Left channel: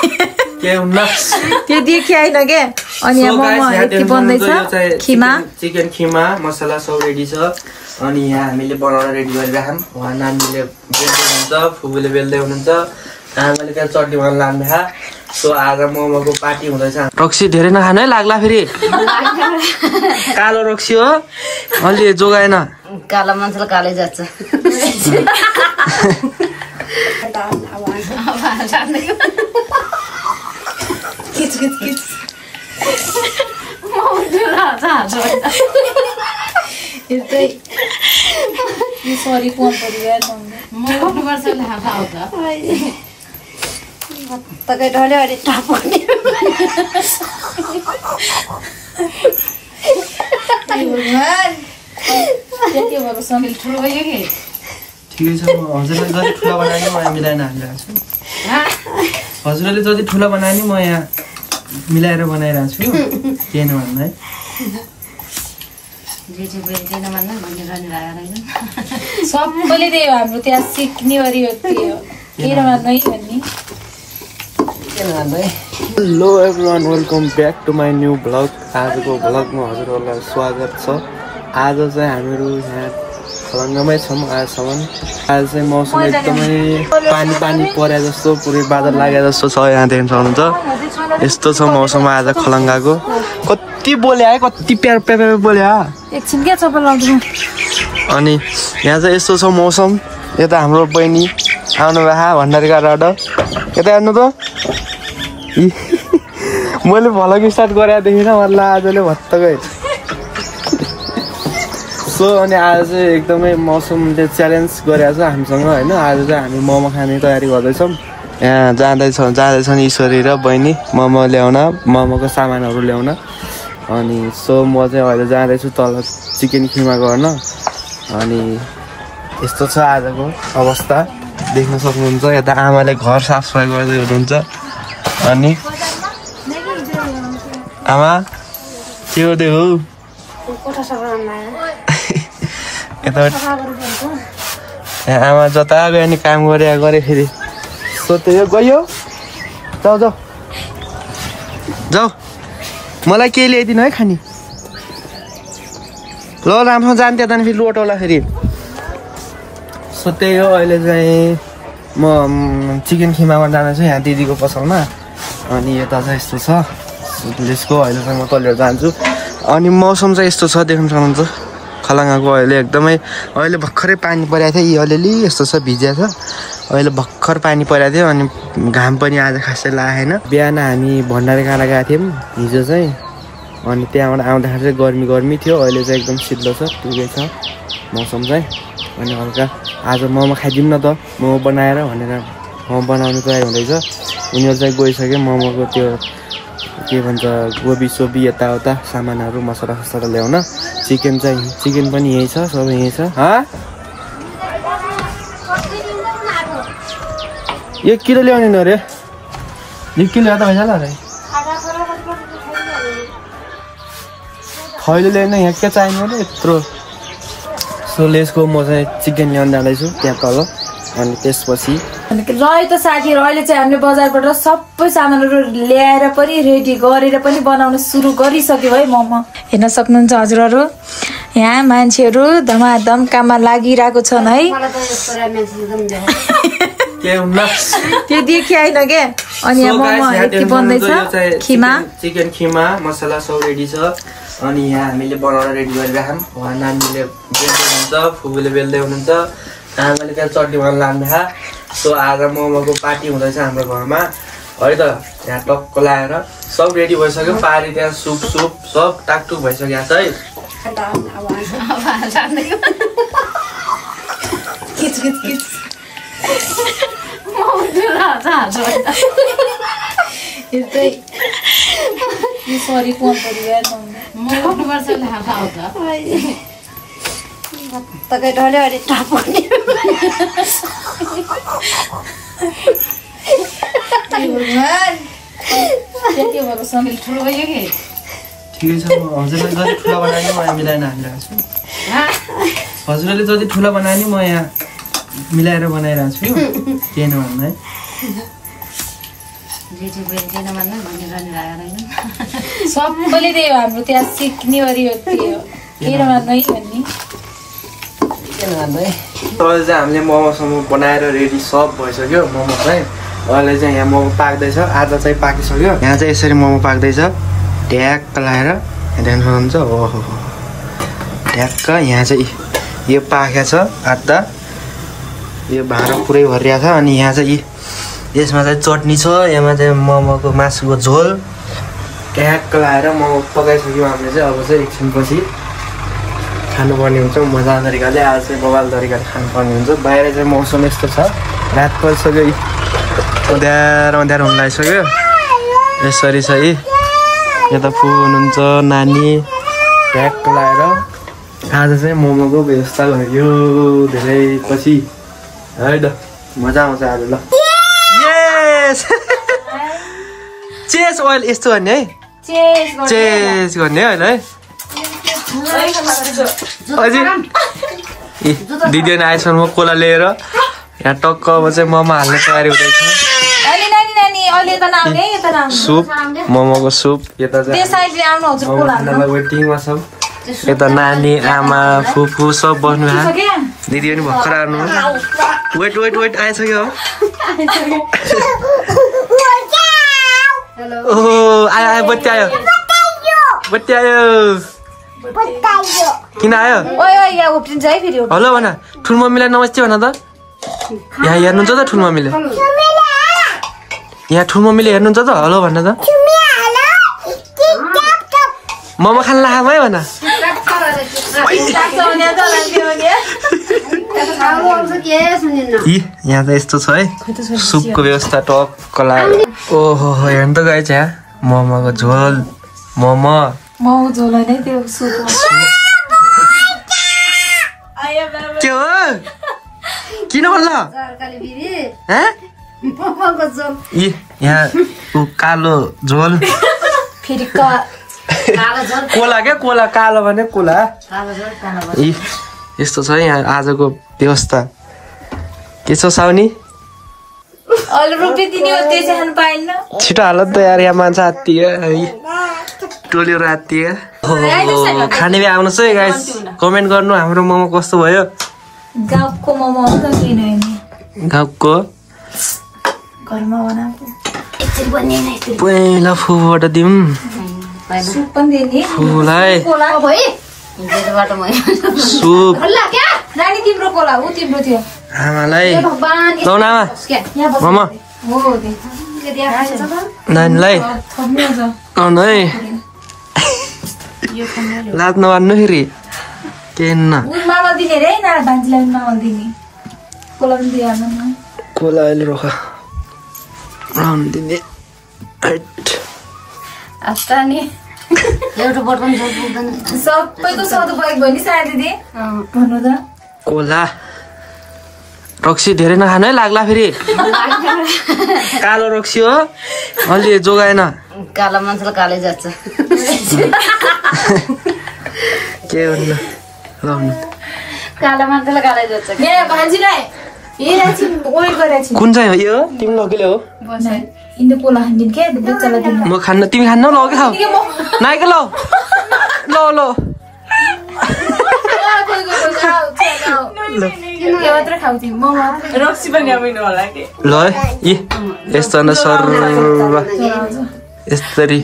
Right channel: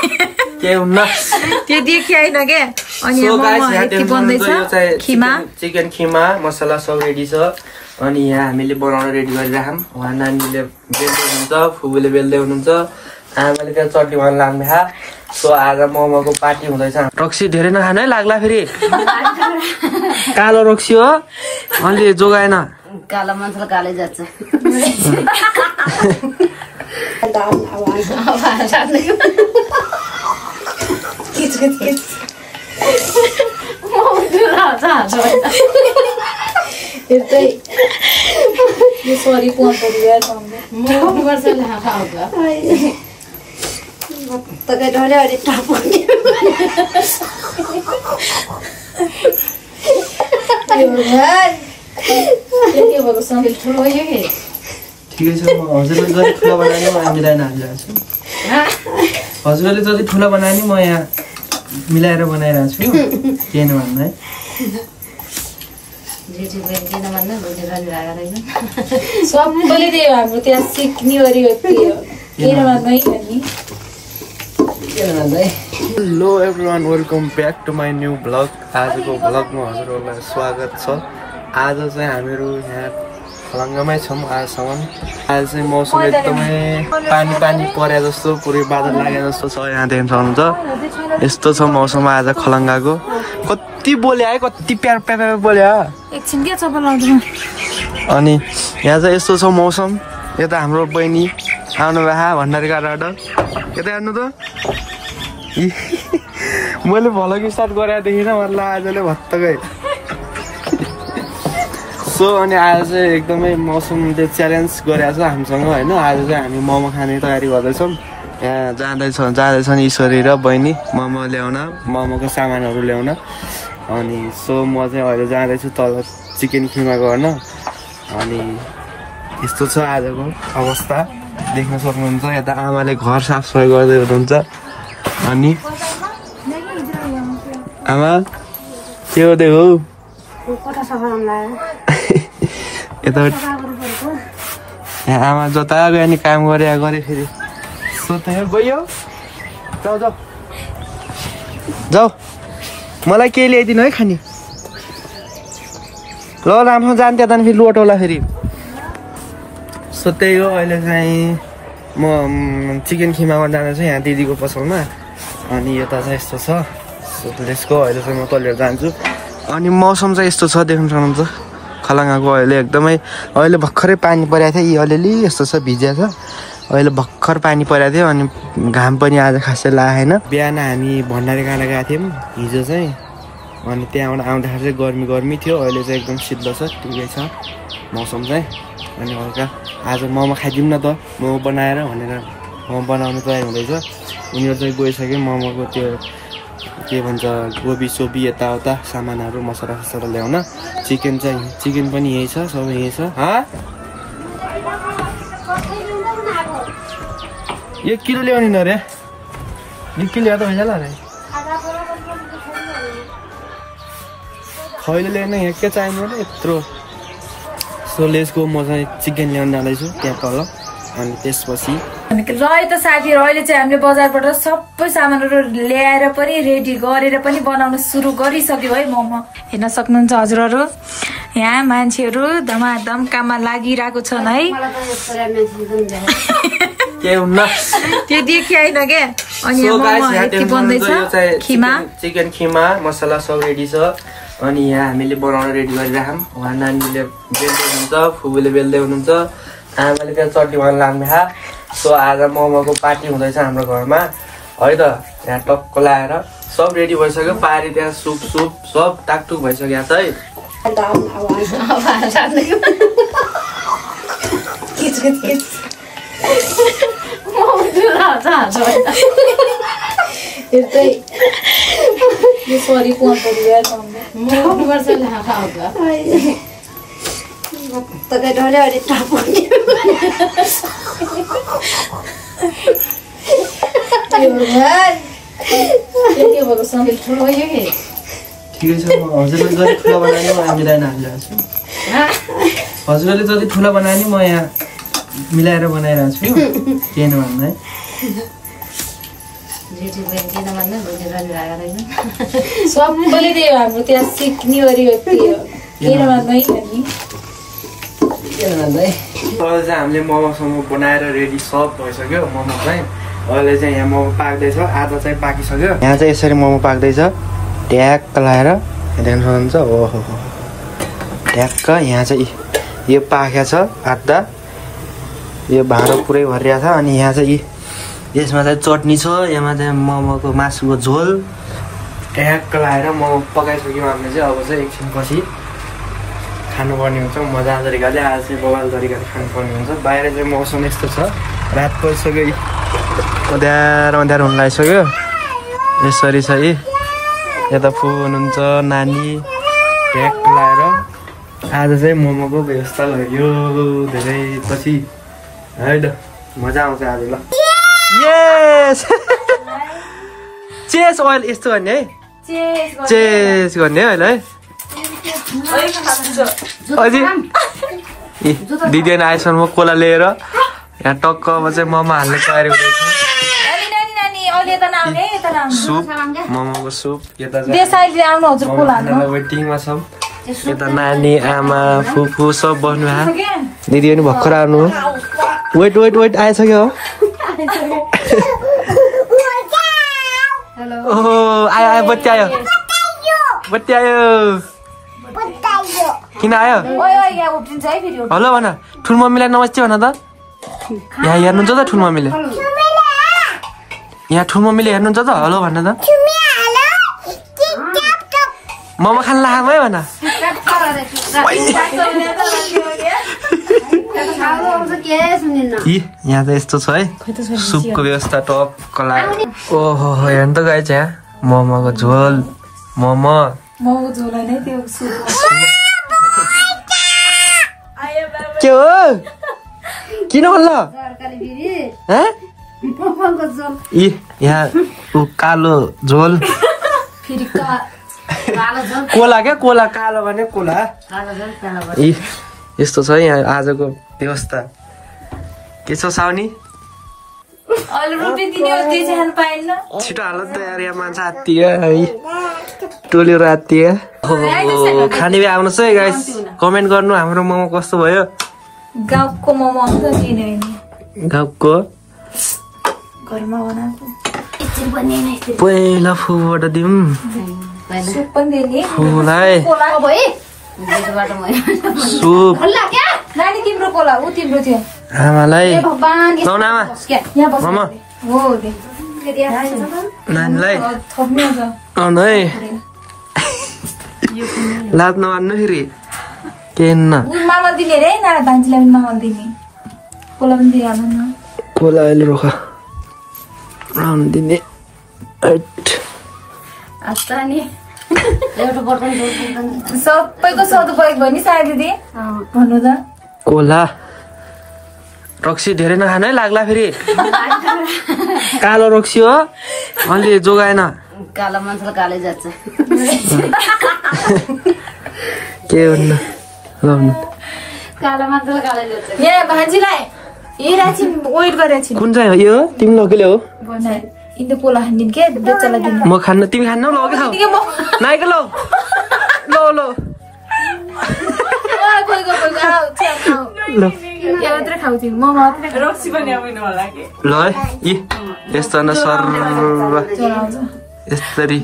के हुन्न त्यो देखिआइन के अनि यहाँ मोमो के बन्दैछ खिमा चिकन खिमा मसला सब रेडी छ अनि यहाँ हामीले बनाउन रेडी गरिराखौँ उहाँ नानीले बेल्दै हुनुहुन्छ फुपूले बेल्दै हुनुहुन्छ आमाले त्यहाँ चटनी बनाउन लाग्दैछ सो आज मोमोको पार्टी हुँदैछ रक्सी धेरै नखानु है लाग्ला फेरि कालो रक्सी हो अलि जोगाएन कालो मान्छेले कालै जान्छ ठिकै छ म हजुरले जति ठुलो बनाए नि म यहाँ मिलाएर हालिरहेको छु हजुरले जति ठुलो बनाए नि म यहाँ मिलाएर बनाइरहेको छु केही नभन्नु है सबैले त्यही हो हाम्रो त्यहाँ सिक्ने गरी hello everyone welcome back to my new vlog आजको भ्लगमा हजुरहरूलाई स्वागत छ आज चाहिँ हामीहरू यहाँ खलङ्गामै छौँ आजसम्म आज चाहिँ मौसम एकदमै पानी परे जस्तो पुरै बादल लागे जस्तो छ यहाँ देख्न सक्नुहुन्छ यस्तो छ मौसम आज खलङ्गाको कति बोल्यो है कति प्यार बोल्यो एकछिन क्या चप्पल लाउँछु अनि यहाँ चाहिँ यस्तो छ मौसम यता हाम्रो बहिनी आउनु भए भण्डारीबाट यता हेर्नु त मैले भ्लग स्टार्ट गरेर देखिनँ मलाई आजले भत्तकै सो अनि आज चाहिँ एकदमै मौसमले च्यालेन्ज गरेको छ हामीसँग होइन आज चाहिँ हामी मोमो खाने तयारी गर्दैछौँ यहाँ जाँदैछन् ईश्वरी र बहिनी मोमो ल्याउन मोमोको सामानहरू ल्याउन अनि सो म चाहिँ अहिले जाँदैछु तल चिकन खिमा गर्न अनि यस्तो छ आजको अवस्था देख्न सक्नुहुन्छ यता आमाले घर साफसफाइ गर्दै हुनुहुन्छ अनि आमा के गर्दै हो यता आमा जता गयो नि काम गरे फेरि सोध्यो गयो जाऊ मलाई केही ल्याइदिनु है खाने ल राम्रोसँग जान्थ्यो त फेरि लोटोला फेरि सो त्यही हो अहिले चाहिँ म चिकन खिमामा जाँदैछु यहाँ दिदीको पसलमा अनि यता चाहिँ यस्तो छ सो त्यसको अहिले चाहिँ म तलेर जान्छु अनि मौसम चाहिँ यस्तो छ देख्न सक्नुहुन्छ खलङ्गाको अहिले एकदमै अहिले भर्खरै पानी परेको थियो यी अलिअलि यस्तो छ भिजिया छ अहिले भर्खर पानी परेको थियो अनि घाम पनि आज खासै लागेन बिहान हामी भण्डारी काँडा गएको थियौँ हिजो चाहिँ अनि त्यहाँबाट आउँदाखेरि चाहिँ गर्मी थियो अहिले चाहिँ एकदम शीतल छ ठिकै छ मौसम चाहिँ अनि हल्का आज मोमो खाइदिउँ न त मोमो बनाएर भनेर मोमो बनाउनु तयार हुँदैछ उनीहरू चाहिँ गइसक्यो मोमोको त्यो के भन्छ गोबी सोबी यताउता सामानहरू मसला ल्याउन चिकन पनि यही छ सबै यही छ एक किलो ल्याउने न अरे 1 किलो त भइसक्यो अरे खैले ल्याउन यहाँ के चाहिने अरे यत्रो सो लेसको म चाहिँ चिकन ल्याउन जाँदैछु त्यहाँ तल अनि त्यसपछि रह्यो त साथीहरू अहिले चाहिँ हामीले बजारबाट सबै सामानहरू ल्याएर पनि रेडी गरेर पनि बनाउन सुरु गरिसक्यो है मोमो हेर्न सक्नुहुन्छ हजुरहरू यहाँ मान्छेहरू धमाधम काममा लागिरहेको छन् है त्यो देखिआइन के अनि यहाँ मोमो के बन्दैछ खिमा चिकन खिमा मसला सब रेडी छ अनि यहाँ हामीले बनाउन रेडी गरिराखौँ उहाँ नानीले बेल्दै हुनुहुन्छ फुपूले बेल्दै हुनुहुन्छ आमाले त्यहाँ चटनी बनाउन लाग्दैछ सो आज मोमोको पार्टी हुँदैछ हाम्रो घरमा है त यहाँ टक्क लगाएर सब रेडी भइसक्यो पारी त्यहाँ सुप सब टाकटुक भइसकेको छ है ठिकै छ म हजुरले जति ठुलो बनाए नि म यहाँ मिलाएर हालिरहेको छु हजुरले जति ठुलो बनाए नि म यहाँ मिलाएर बनाइरहेको छु केही नभन्नु है रेडी भयो किन भन्नु भनिरहनु भएको रहेछ सबैले त्यही हो हाम्रो त्यहाँ सिक्ने गरी व्यक्ति हो किन भन्नु है भन्ने अहिले चाहिँ हामीले मोमोसम्म बनाएर रेडी सब भइसक्यो मोमो चाहिँ अहिले चाहिँ यहाँ मोमो पाक्दैछ आधा चाहिँ पाकिसक्यो यहाँ चाहिँ यसरी मोमो पाक्दैछ ट्याक्क लगाएर हेर्नु सक्नुहुन्छ ओहो ट्याक्क यहाँ चाहिँ यो पाकेको छ आधा यो भाँडो पुरै भरिरहेको छ अनि यहाँ चाहिँ यसमा चाहिँ चटनी छ यसमा चाहिँ मोमोको मासुको झोल ट्याक्क लगाएर मोमो पकाइसक्यौँ हामीले चाहिँ अब चाहिँ एकछिनपछि खानुपर्ने हुन्छ मजा तरिकाले आज चाहिँ बवाल तरिकाले खानुपर्ने हुन्छ बाहिर चाहिँ मौसम यस्तो छ रात परिसक्यो अँध्यारो अँध्यारो हुन लागिसक्यो यसरी चाहिँ यता फु हुनुहुन्छ नानी ट्याक्क लगाएर आज चाहिँ मोमोको व्यवस्था गरियो धेरै पछि है त मजा आउँछ आज ल यस चेस ओइल यस्तो गर्ने है चेस गर्ने है अहिले है अझै दिदी अनि आएसम्म कोला लिएर यहाँ टक्कमा चाहिँ मोमो हाल्ने तयारी हुँदैछ सुप मोमोको सुप यता चाहिँ मोमो खानालाई वेटिङमा छौँ यता नानी आमा फुफू सब बस्नु भयो दिदी पनि भर्खर आउनु वेट वेट वेट आइसक्यो ओहो आयो आयो बत्ती आयो बत्ती आयो किन आयो हेलो भन ठुल मम्मीलाई नमस्ते भन त यहाँ हेर्नुहुन्छ त ठुल मम्मीले यहाँ ठुल मम्मीले हेर्नुहुन्छ त हेलो भन्न त मोमो खान लाग्यो है भन यहाँ त यस्तो छ है सुपको व्यवस्था टक्क लाग्यो ओहो हेर्नु त गएछ यहाँ मोमोको झोल मोमो के हो किन भन्छ यहाँ कालो झोल कोला क्या कोला कालो भने कोला यस्तो छ यहाँ आजको व्यवस्था के छ साउनी छिटो हाल त यार यहाँ मान्छे आत्तियो है टोलीहरू आत्तियो खाने भए आउनुहोस् है गाइस कमेन्ट गर्नु हाम्रो मोमो कस्तो भयो गाउँको मोमो गाउँको पहिला फुबाट दिउँ फुलाई सुप आमालाई लाउन आमा मामा नानीलाई आउनु है लाज नमान्नु फेरि के कोला अहिले रोख आउनु दिने सबैको सधु परेको भयो नि सायद दिदी भन्नु त कोला रक्सी धेरै नखानु है लाग्ला फेरि कालो रक्सी हो अलि जोगाएन कालो मान्छेले कालै जान्छ के भन्नु कालो मान्छेले कालै जान्छ यहाँ भान्जीलाई वेट गरेछ कुन चाहिँ हो यो तिमी लोकले हो म खान्न तिमी खान्न ल के खाऊ नाइके ल ल ल ल यी यस्तो न सर यस्तरी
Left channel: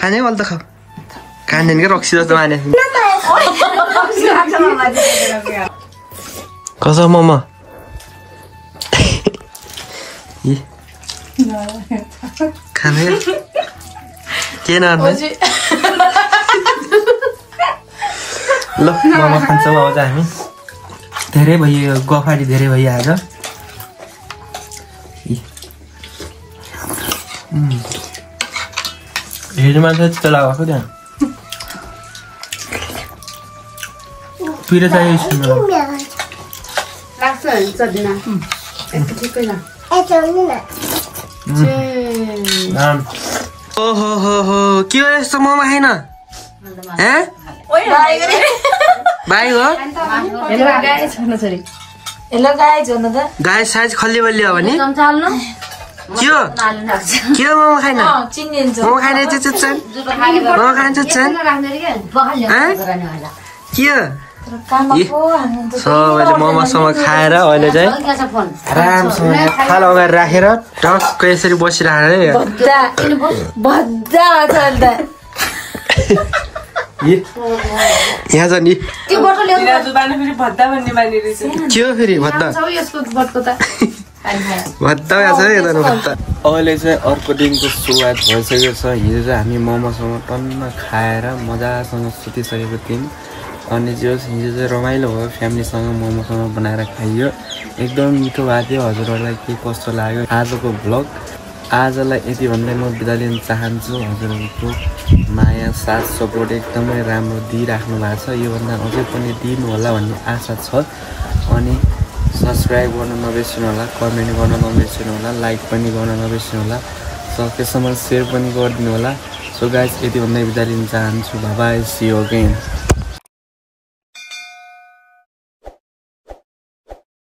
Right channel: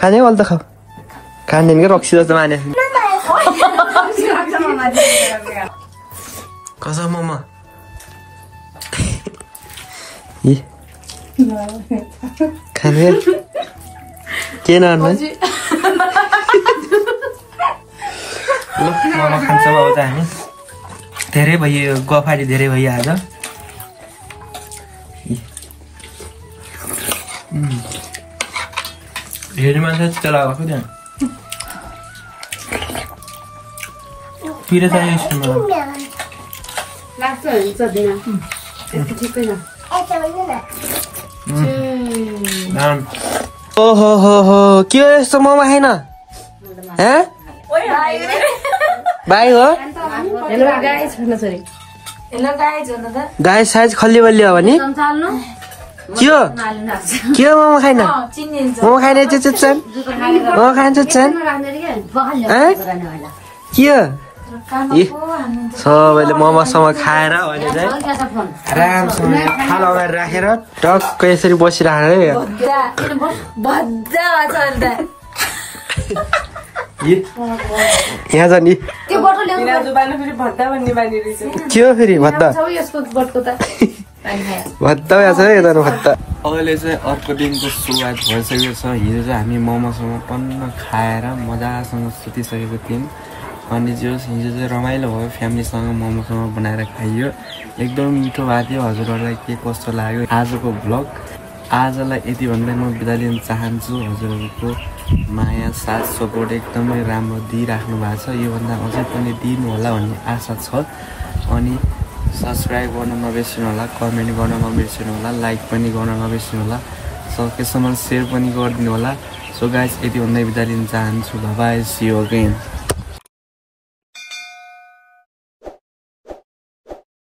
खाने वाल त खाऊ खाँदैन क्या रक्सी जस्तो माने कसो मोमो खाने के नहाल्नु ल मोमो खान्छौँ अब चाहिँ हामी धेरै भयो गफारी धेरै भयो आज हेरी मान्छे चित्त लगाएको त्यहाँ पिरो चाहियो स्कुलमा ओहो हो हो के हो यस्तो मोमो खाइन बाई हो हेलो गाइज भन्नु त गाई साइज खल्ली बल्ली हो भने चाल्नु के हो के हो मोमो खाइन चिनिन्छ मोमो खाने चाहिँ चुच्चन मोमो खान्छ चुच्चन के हो सबैले मोमोसम्म खाएर अहिले चाहिँ आरामसँग थाल अगाडि राखेर टक्क यसरी बसिराखेर यहाँ छ नि के हो फेरि भत्ता भत्ता यहाँ छ यता भत्ता अहिले चाहिँ अर्को दिनको सुरुवात भइसकेको छ हिजो चाहिँ हामी मोमोसँग टन्न खाएर मजासँग सुतिसकेको थियौँ अनि जो हिजो चाहिँ रमाइलो भयो फ्यामिलीसँग मोमोसँग बनाएर खाइयो एकदम मिठो भएको थियो हजुरहरूलाई के कस्तो लाग्यो आजको भ्लग आजलाई यति भन्दै म बिदा लिन चाहन्छु हजुरहरूको माया साथ सपोर्ट एकदमै राम्रो दिइराख्नु भएको छ योभन्दा अझै पनि दिनु होला भन्ने आशा छ अनि सब्सक्राइब गर्न नबिर्सिनु होला कमेन्ट गर्न नबिर्सिनु होला लाइक पनि गर्न नबिर्सिनु होला सकेसम्म सेयर पनि गरिदिनु होला सो गाइस यति भन्दै बिदा लिन चाहन्छु bye bye C you again